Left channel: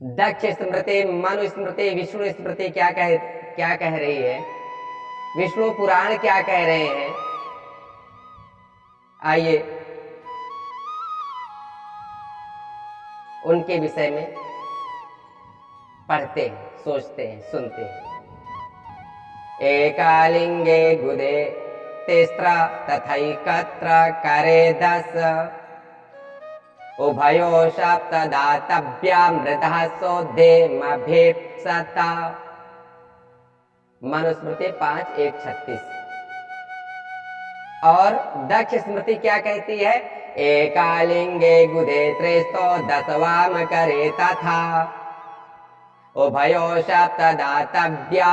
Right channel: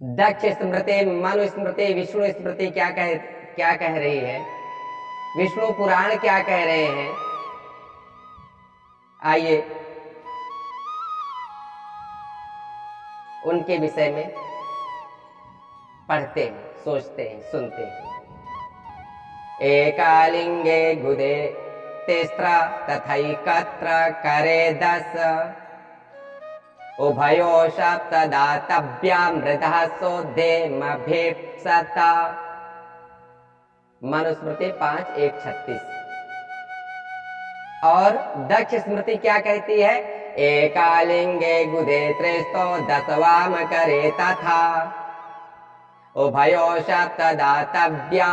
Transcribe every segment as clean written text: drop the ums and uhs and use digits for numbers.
दक्ष स्मृति, मनु स्मृति, विष्णु स्मृति क्या कह रही है, विष्णु पुराण क्या कह रहे हैं, आइए उनके विषय में पढ़ते हैं, सोचते हैं, सुनते हैं। एकालिंगे गुदे तिस्र तथैकत्र करे 10 उभयो सप्त दातव्या मृदः सोधे मभीप्सता। मनुस्मृति 5:1-36। और दक्ष स्मृति क्या कहती है, एकालिंगे गुदे त्रिस्तो 10 वाम करे तथा उभयो सप्त दातव्या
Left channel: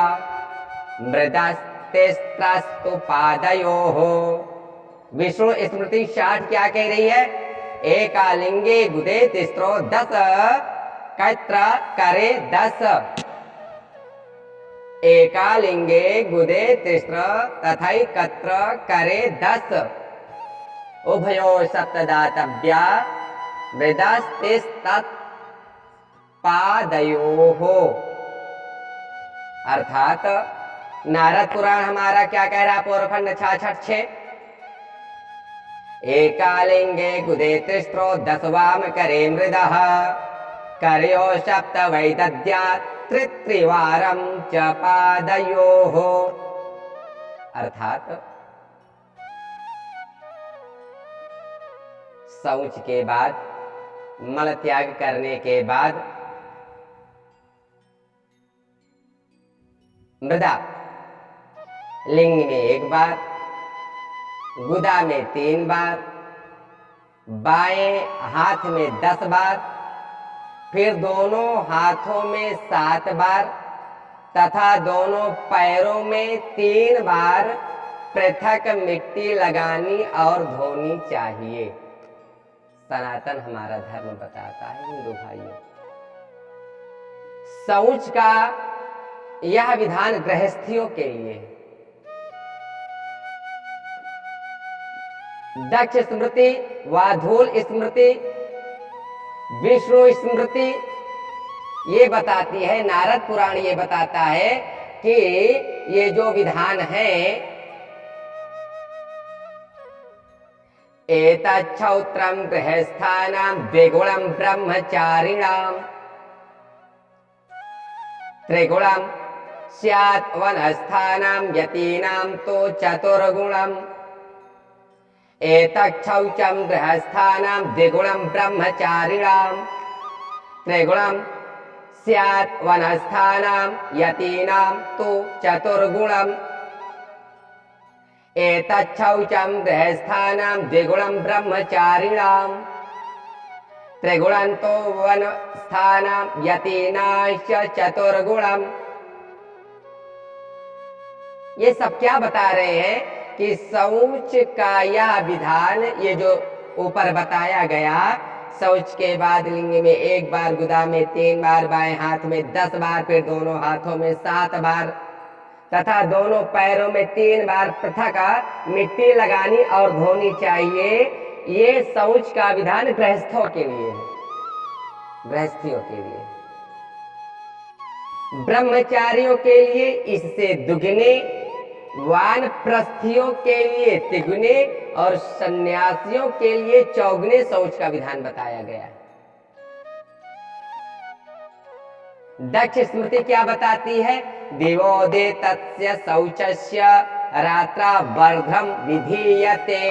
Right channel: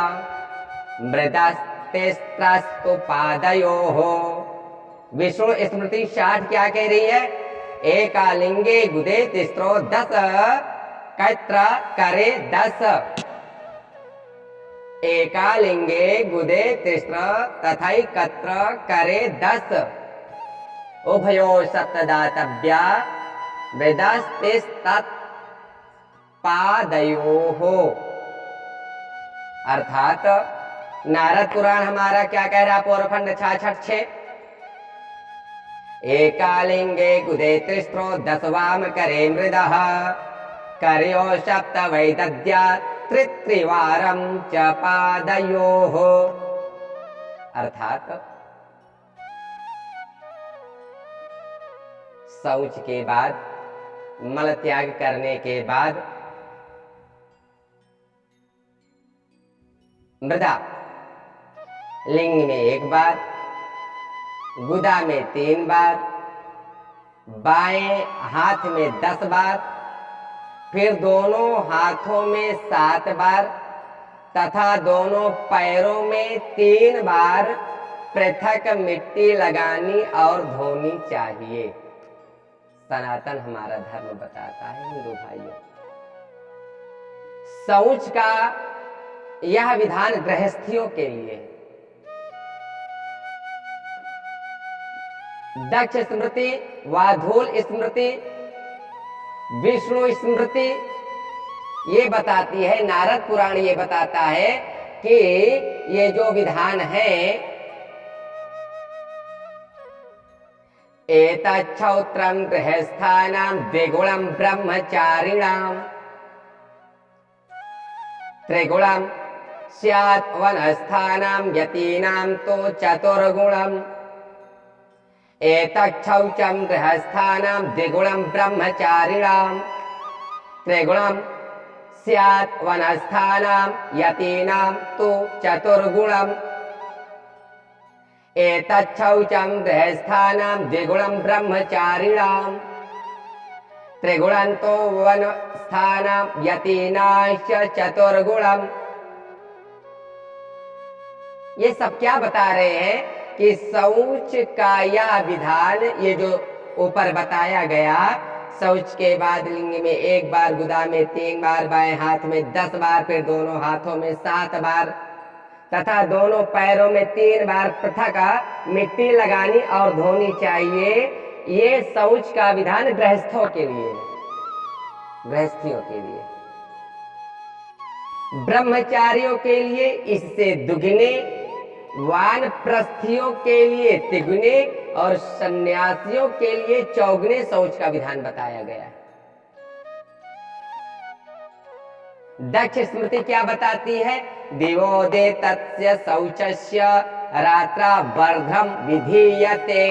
मृदस्तिस्रस्तु पादयोः। विष्णु स्मृति 60 क्या कह रही है, एकालिंगे गुदे तिस्रो 10 कत्र करे 10। एकालिंगे गुदे तिस्र तथैकत्र करे 10 उभयो सप्तदातव्या मृदस्तिस्तत् पादयोः। अर्थात नारद पुराण हमारा क्या कह रहा, पौरखंड 66। एकालिंगे गुदे तिस्रो 10 वाम करे मृदः करयो सप्त वैदद्या त्रिवारं च पादयोः। अर्थात शौच के बाद, मल त्याग करने के बाद मृदा लिंग में 1 बार, गुदा में 3 बार, बाएं हाथ में 10 बार, फिर दोनों हाथों में 7 बार तथा दोनों पैरों में 3 बार पृथक मिट्टी लगानी और धोनी चाहिए। सनातन हमारा धर्म बताता है हिंदू भाइयों। शौच का यह विधान गृहस्थियों के लिए है। दक्ष स्मृति, वाधूल स्मृति, विष्णु स्मृति ये बताती है, नारद पुराण ये बताता है कि ये जो विधान है, एतच्छौत्रं गृहस्थानां द्विगुणं ब्रह्मचारिणां त्रिगुणं स्यात् वनस्थानां यतीनां तो चतुर्गुणम्। एतच्छौचं गृहस्थानां द्विगुणं ब्रह्मचारिणां त्रिगुणं स्यात् वनस्थानां यतीनां तो चतुर्गुणम्। एतच्छौचं गृहस्थानां द्विगुणं ब्रह्मचारिणां त्रिगुणं तो वनस्थानां यतीनाश्च चतुर्गुणम्। ये सब क्या बता रहे हैं कि शौच का यह विधान, ये जो ऊपर बताया गया, शौच के बाद लिंग में 1 बार, गुदा में 3 बार, बाएं हाथ में 10 बार, फिर दोनों हाथों में 7 बार तथा दोनों पैरों में 3 बार पृथक मिट्टी लगानी और धोनी चाहिए। ये शौच का विधान गृहस्थों के लिए है, गृहस्थियों के लिए। ब्रह्मचारियों के लिए इससे दुगने, वानप्रस्थियों के लिए तिगुने और सन्यासियों के लिए चौगुने शौच का विधान बताया गया है। दक्ष स्मृति क्या बताती है, दिवोदे तस्य शौचस्य रात्रा वर्धम विधीयते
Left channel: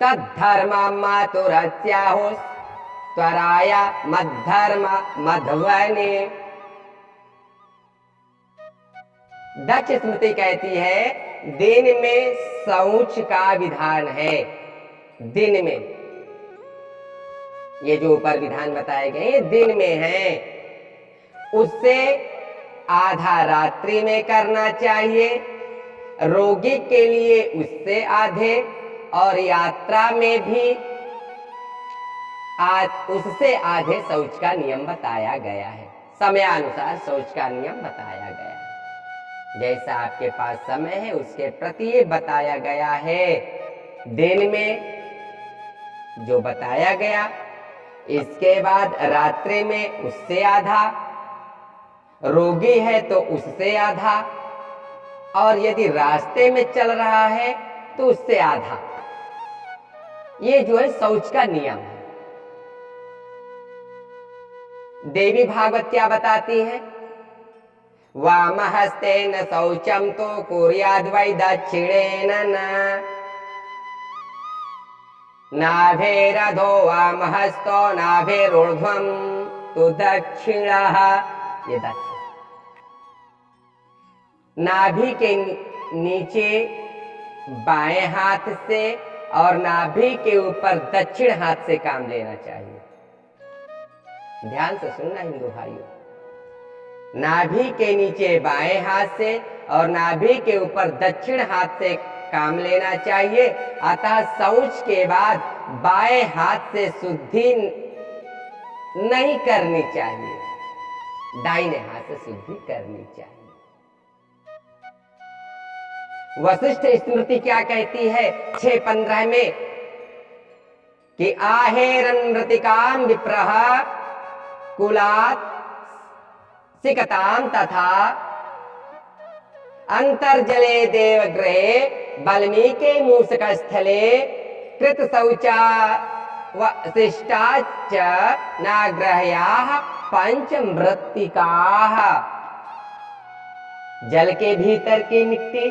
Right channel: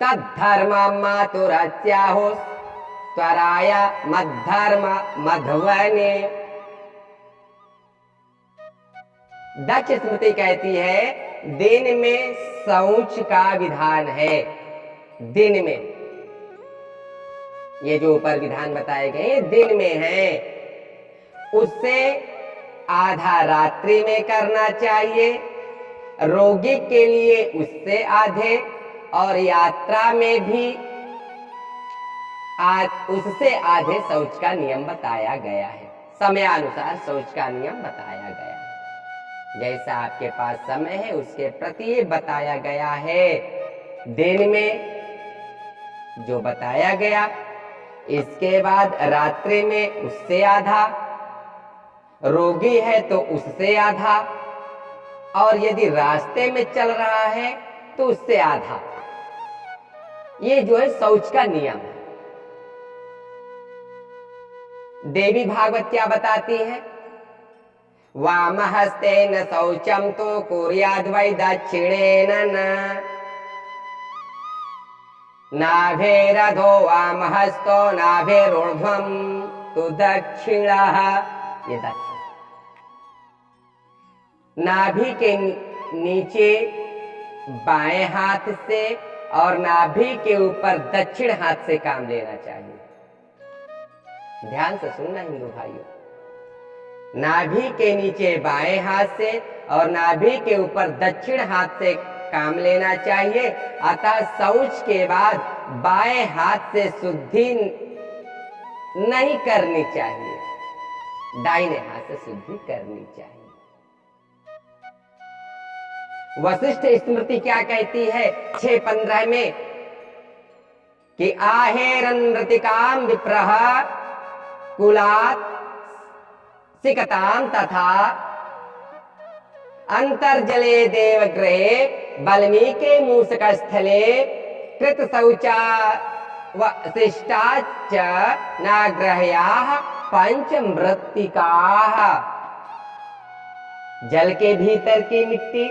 तद्धर्मं मातुरस्याहो त्वराया मद्धर्म मध्वने। दक्ष स्मृति कहती है दिन में शौच का विधान है। दिन में ये जो ऊपर विधान बताए गए दिन में है, उससे आधा रात्रि में करना चाहिए, रोगी के लिए उससे आधे, और यात्रा में भी उससे आधे शौच का नियम बताया गया है। समयानुसार शौच का नियम बताया गया है। जैसा आपके पास समय है उसके प्रति ये बताया गया है। दिन में जो बताया गया इसके बाद रात्रि में उससे आधा, रोगी है तो उससे आधा, और यदि रास्ते में चल रहा है तो उससे आधा। ये जो है शौच का नियम है। देवी भागवत क्या बताती है? वामहस्तेन शौचम तो कुर्याद् वै दक्षिणेन न, नाभेरधो वामहस्तो नाभेरूर्ध्वं तु दक्षिणः। ये दक्षिण, नाभि के नीचे बाएं हाथ से और नाभि के ऊपर दक्षिण हाथ से काम लेना चाहिए। ध्यान से सुनना हिंदू भाइयों, नाभि के नीचे बाएं हाथ से और नाभि के ऊपर दक्षिण हाथ से काम लेना चाहिए। अतः शौच के बाद बाएं हाथ से शुद्धि नहीं करनी चाहिए, दाहिने हाथ से शुद्धि करनी चाहिए। वशिष्ठ स्मृति क्या कहती है 6:15 में कि आहेरनृतिकाम विप्रह कुलात् सिकताम तथा अंतर्जले देवगृहे वाल्मीके मूषक स्थले कृत शौचा वशिष्टाच्च नाग्रह्याः पंचमृत्तिकाः। जल के भीतर की मिट्टी,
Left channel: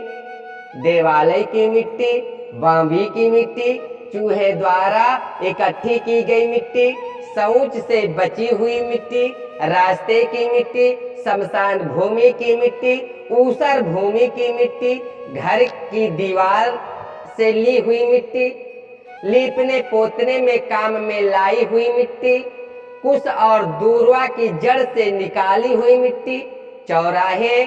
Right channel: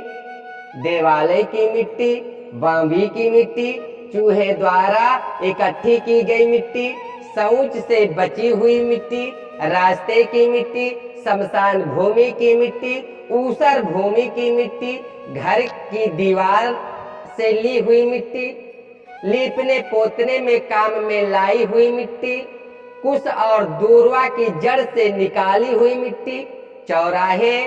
देवालय की मिट्टी, बांवी की मिट्टी, चूहे द्वारा इकट्ठी की गई मिट्टी, शौच से बची हुई मिट्टी, रास्ते की मिट्टी, शमशान भूमि की मिट्टी, ऊसर भूमि की मिट्टी, घर की दीवार से ली हुई मिट्टी, लीपने पोतने में काम में लाई हुई मिट्टी, कुश और दूर्वा की जड़ से निकाली हुई मिट्टी, चौराहे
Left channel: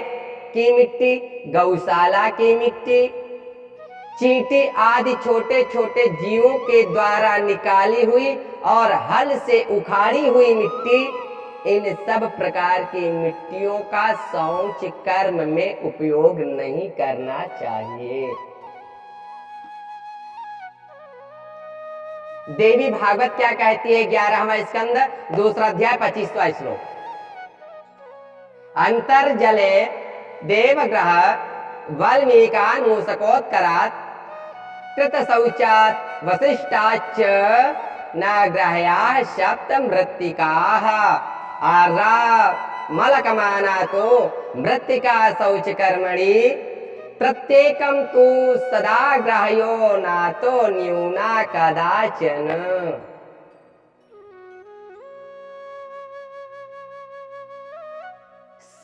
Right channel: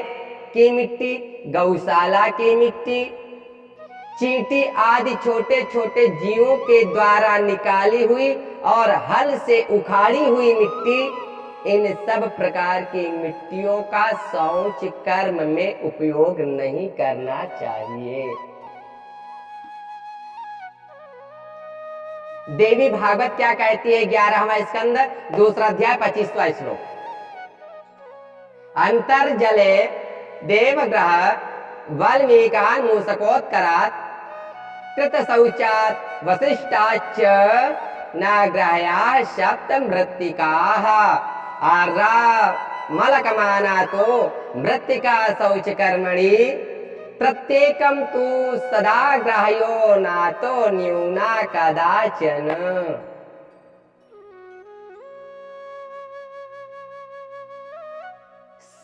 की मिट्टी, गौशाला की मिट्टी, चींटी आदि छोटे छोटे जीवों के द्वारा निकाली हुई और हल से उखाड़ी हुई मिट्टी, इन सब प्रकार की मिट्टियों का शौच कर्म में उपयोग नहीं करना चाहिए। देवी भागवत क्या कहती है 11वां स्कंद 2 अध्याय 25वां श्लोक, अंतर्जले देवग्रह वाल्मीकान् मूषकोत्करात् कृत शौचात् वसिष्ठाच्च नाग्रह्याः सप्तमृत्तिकाः। आर्रा मलकमाना तो मृत्तिका शौच कर्मणि प्रत्येकम तु सदा ग्राह्यो नातो न्यूना कदाचन।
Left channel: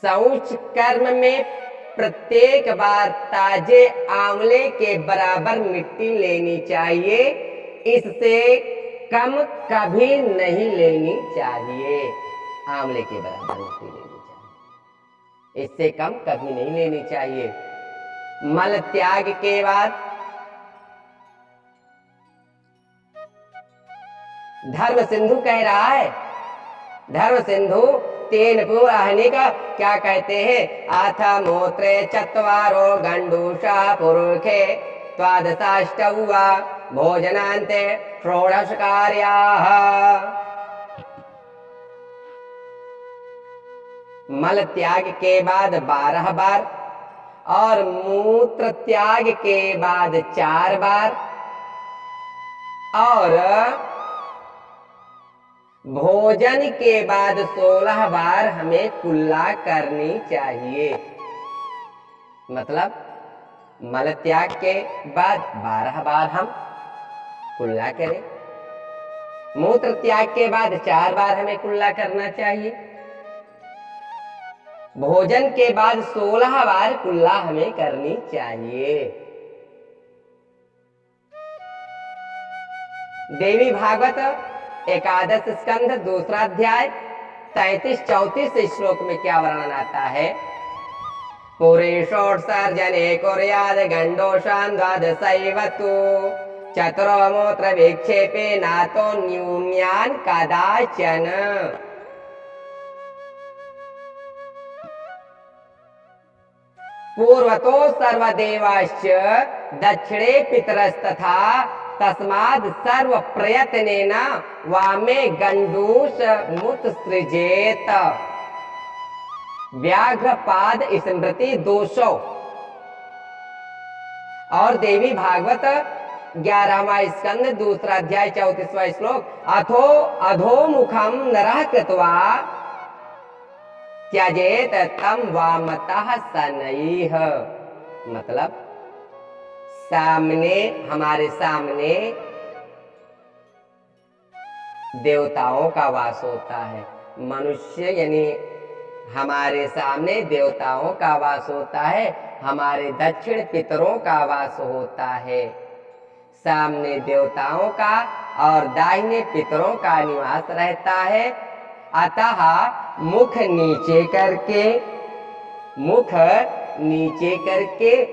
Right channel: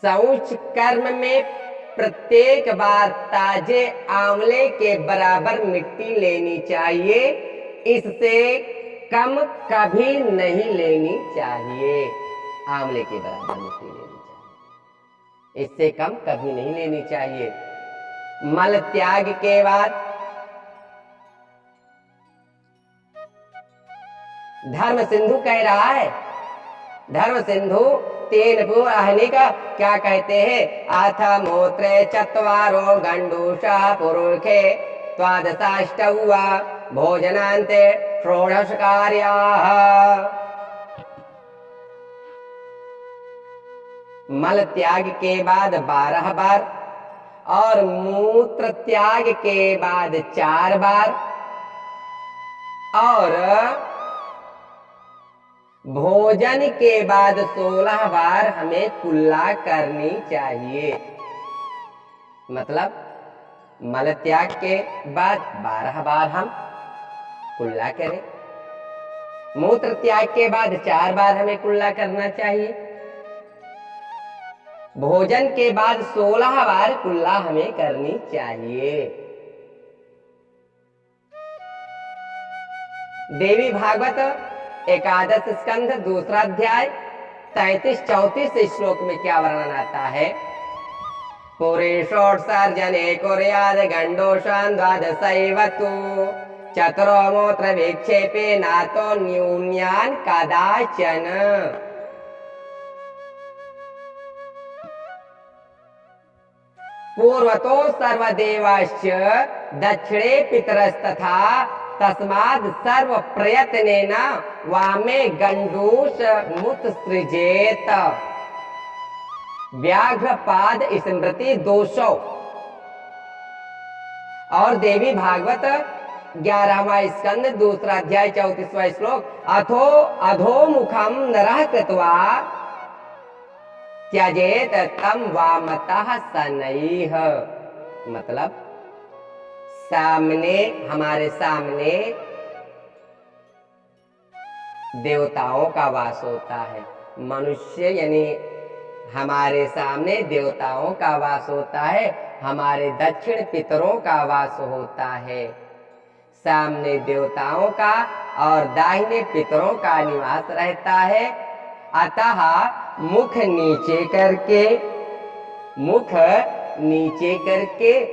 शौच कर्म में प्रत्येक बार ताजे आंवले के बराबर मिट्टी लेनी चाहिए, इससे कम कभी नहीं लेनी चाहिए। आंवले के बराबर मिट्टी लेनी चाहिए, इससे कम कभी नहीं लेनी चाहिए। मल त्याग के बाद धर्म सिंधु कह रहा है, धर्म सिंधु तेन पुराहने का क्या कहते हैं, आथ मूत्रे चत्वारो गंडूषा पुरुखे द्वादशाष्टवा भोजनान्ते षोडश कार्याः। मल त्याग के बाद 12 बार और मूत्र त्याग के बाद 4 बार और भोजन के बाद 16 बार हमें कुल्ला करनी चाहिए। मतलब मल त्याग के बाद 12 बार हम कुल्ला करें, मूत्र त्याग के बाद 4 बार हमें कुल्ला करना चाहिए, भोजन के बाद 16 बार कुल्ला हमें करनी चाहिए। देवी भागवत 11 स्कंध 2 अध्याय 33-34 श्लोक में क्या वर्णन आता है, पुरेशोत्सर्जने कुर्याद् गंडोषान् द्वादशैव तु चतुरो मूत्र विक्षेपे नातो न्यून्यान् कदाचन। पूर्वतो सर्वदेवाश्च दक्षिणे पितरस्तथा तस्माद सर्व प्रयत्नेन वामे गंडूष मुत्सृजेत। व्याघ्रपाद स्मृति 200। और देवी भागवत 11वां स्कंद 2रा अध्याय 34वां श्लोक, अथो अधोमुखम नरः कृत्वा त्यजेत तम वामतः शनैः। मतलब सामने, हमारे सामने देवताओं का वास होता है। मनुष्य यानी हमारे सामने देवताओं का वास होता है, हमारे दक्षिण पितरों का वास होता है। सामने देवताओं का और दाहिने पितरों का निवास रहता है। अतः मुख नीचे करके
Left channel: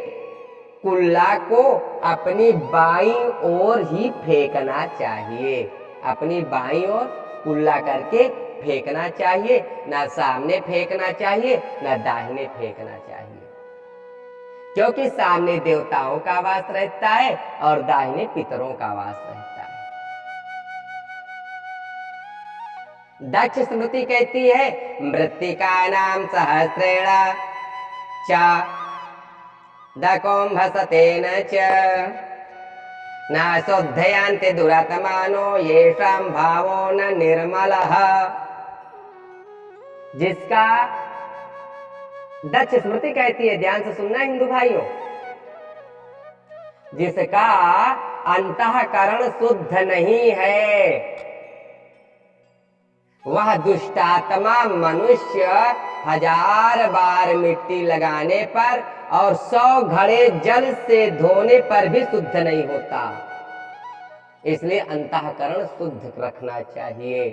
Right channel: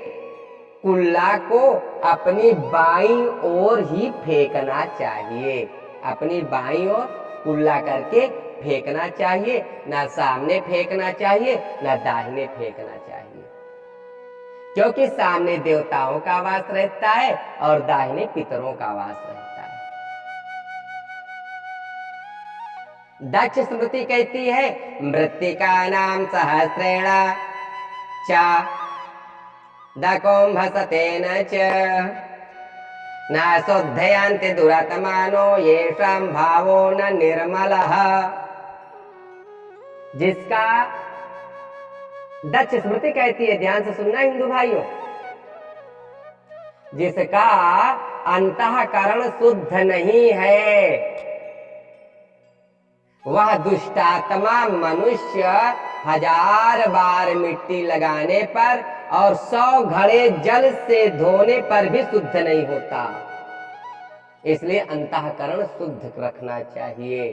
कुल्ला को अपनी बाईं ओर ही फेंकना चाहिए। अपनी बाईं ओर कुल्ला करके फेंकना चाहिए, ना सामने फेंकना चाहिए, ना दाहिने फेंकना चाहिए। क्योंकि सामने देवताओं का वास रहता है और दाहिने पितरों का वास रहता है। दक्ष स्मृति कहती है, मृत्तिका नाम सहस्रेण च दकुंभसतेन च न शुद्धयन्ति दुरात्मानो येषां भावो न निर्मलः। जिसका दक्ष स्मृति कहती है, ध्यान से सुनना हिंदू भाइयों, जिसका अंतःकरण शुद्ध नहीं है, वह दुष्टात्मा मनुष्य 1000 बार मिट्टी लगाने पर और 100 घड़े जल से धोने पर भी शुद्ध नहीं होता। इसलिए अंतःकरण शुद्ध रखना चाहिए।